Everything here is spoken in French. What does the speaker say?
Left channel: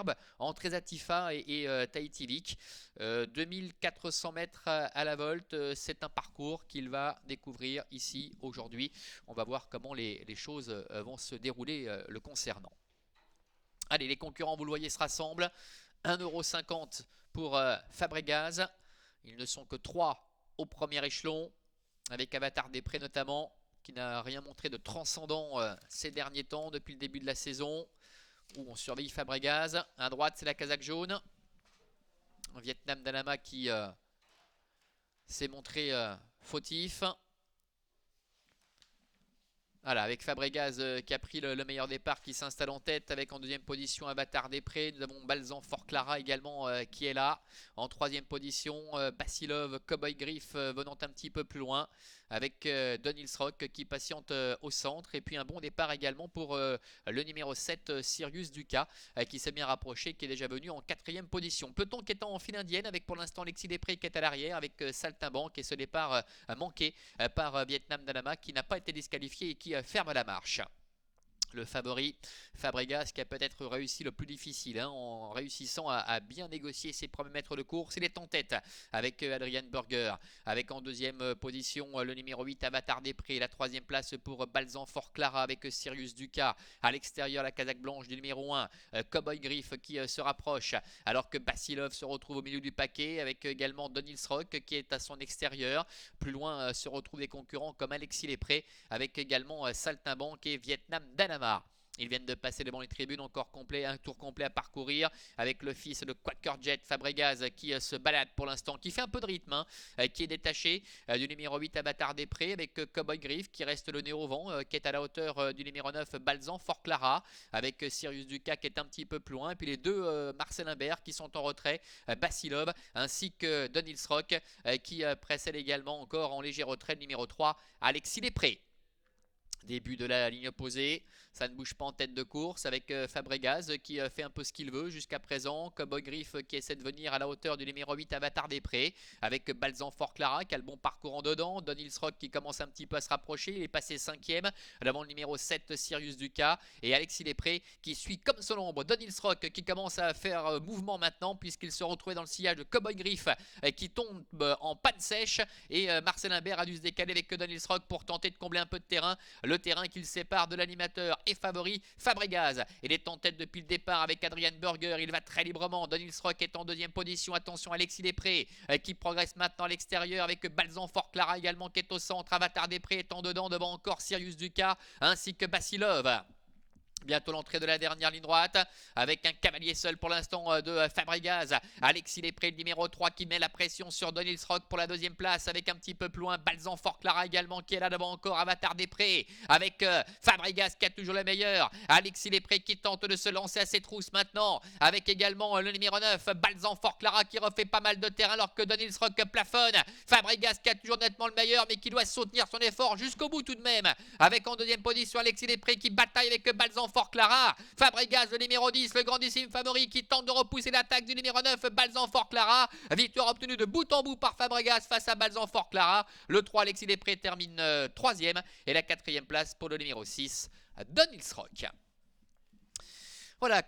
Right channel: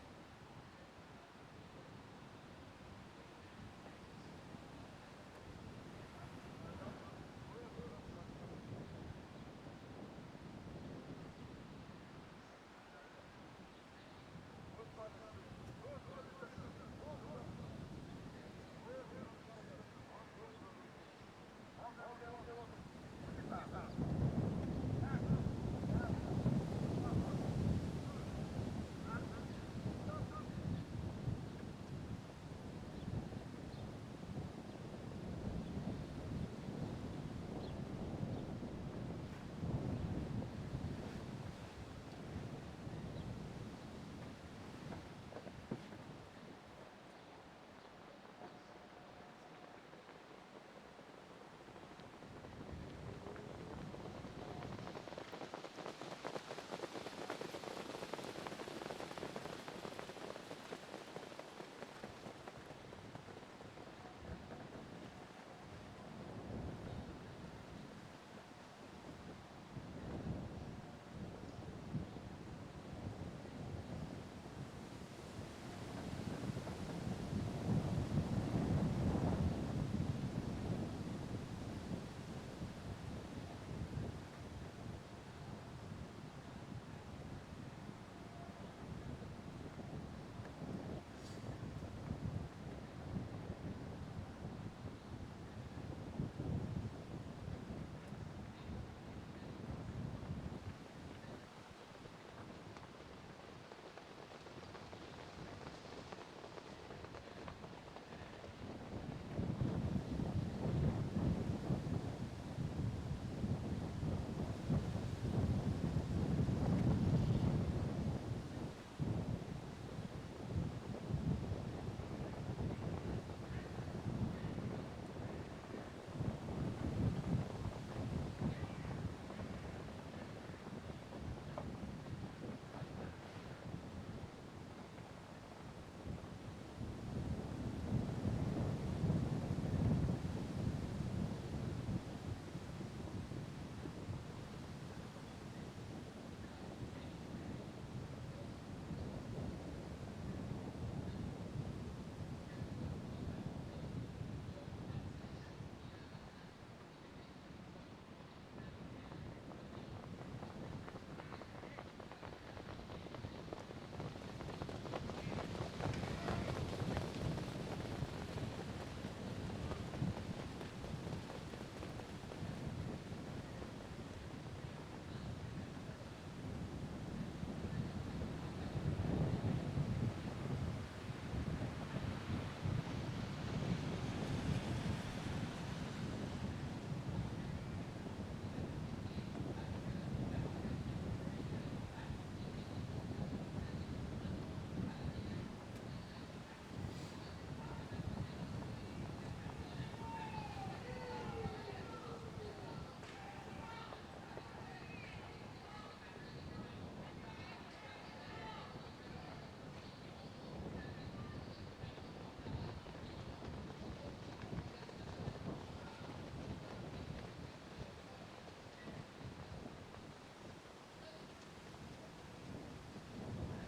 superbe entre Ezatifa et Tahiti Leak. 2400 mètres à la volte, c'est un parcours qu'il va découvrir ici aujourd'hui. On va voir comment les choses vont se dérouler le concernant. Allez, les concurrents, vous le voyez, se rassemblent. 1,50 € pour Fabregas. Ils ne sont que 3 au premier échelon, avec Avatar des Prés notamment, qui n'a rien montré de transcendant ces derniers temps depuis le début de la saison. On surveille Fabregas. À droite, c'est la casaque jaune. Vietnam Danama qui s'est montré fautif. Voilà, avec Fabregas qui a pris le meilleur départ, qui s'installe en tête, avec en deuxième position Avatar des Prés. Nous avons Balzan Fort Clara également qui est là. En troisième position, Basilov, Cowboy Griff venant un petit peu plus loin, avec Don Rock qui patiente au centre. Et puis un bon départ également pour le numéro 7, Sirius Duca, qui s'est bien rapproché, qui est déjà venu en quatrième position. Peloton qui est en file indienne, avec pour l'instant Alexis Després qui est à l'arrière, avec Saltimbanque, et ce départ manqué par Vietnam Danama, qui n'a pas été disqualifié et qui ferme la marche. Le favori Fabregas, qui a peut-être réussi le plus difficile en réussissant à bien négocier ses premiers mètres de course. Il est en tête avec Adrian Burger, avec en deuxième position le numéro 8 Avatar des Prés. La troisième place pour Balzan Fort Clara avec Sirius Duca. À l'extérieur, la casaque blanche du numéro 1 Cowboy Griff qui se rapproche, alors que Basilov se retrouve au milieu du paquet, avec également Don Rock qui est à son extérieur. Plus loin se retrouvent des concurrents comme Alexis Després, avec également Saltimbanque et Vietnam Danama. Ils viennent de passer devant les tribunes, encore complet, un tour complet à parcourir, avec le fils de Quaker Jet, Fabregas, qui se balade pour l'instant, qui fait un peu de rythme, qui est détaché du numéro 8 Avatar des Prés, avec Cowboy Griff qui reste le nez au vent, qui est à la hauteur du numéro 9 Balzan Fort Clara, avec Sirius Duca qui est un petit peu plus loin, et puis les deux Marcel Imbert qui sont en retrait, Basilov ainsi que Don Rock qui précède également encore en léger retrait le numéro 3 Alexis Després. Début de la ligne opposée, ça ne bouge pas en tête de course, avec Fabregas qui fait un peu ce qu'il veut jusqu'à présent. Cowboy Griff qui essaie de venir à la hauteur du numéro 8 Avatar des Prés, avec Balzan Fort Clara qui a le bon parcours en dedans. Don Rock qui commence un petit peu à se rapprocher, il est passé 5e devant le numéro 7 Sirius Duca, et Alexis Després qui suit comme son ombre Don Rock qui commence à faire mouvement maintenant, puisqu'il se retrouvait dans le sillage de Cowboy Griff qui tombe en patte sèche, et Marcel Imbert a dû se décaler avec Don Rock pour tenter de combler un peu de terrain, le terrain qu'il sépare de l'animateur et favori Fabregas. Il est en tête depuis le départ avec Adrian Burger, il va très librement. Don Rock est en deuxième position, attention Alexis Després qui progresse maintenant à l'extérieur, avec Balzan Fort Clara également qui est au centre. Avatar des Prés est en dedans, devant encore Sirius Duca ainsi que Basilov. Bientôt l'entrée de la dernière ligne droite, avec un cavalier seul pour l'instant de Fabregas. Alexis Després, le numéro 3, qui met la pression sur Don Rock pour la deuxième place, avec un petit peu plus loin Balzan Fort Clara également qui est là devant encore Avatar des Prés, avec Fabregas qui a toujours le meilleur. Alexis Després qui tente de se lancer à ses trousses maintenant, avec également le numéro 9 Balzan Fort Clara qui refait pas mal de terrain, alors que Don Rock plafonne. Fabregas qui a toujours nettement le meilleur, mais qui doit soutenir son effort jusqu'au bout tout de même, avec en deuxième position Alexis Després qui bataille avec Balzan Fort Clara. Fabregas, le numéro 10, le grandissime favori, qui tente de repousser l'attaque du numéro 9 Balzan Fort Clara. Victoire obtenue de bout en bout par Fabregas face à Balzan Fort Clara. Le 3 Alexis Després termine 3e, et la 4e place pour le numéro 6 Don Rock. Voilà.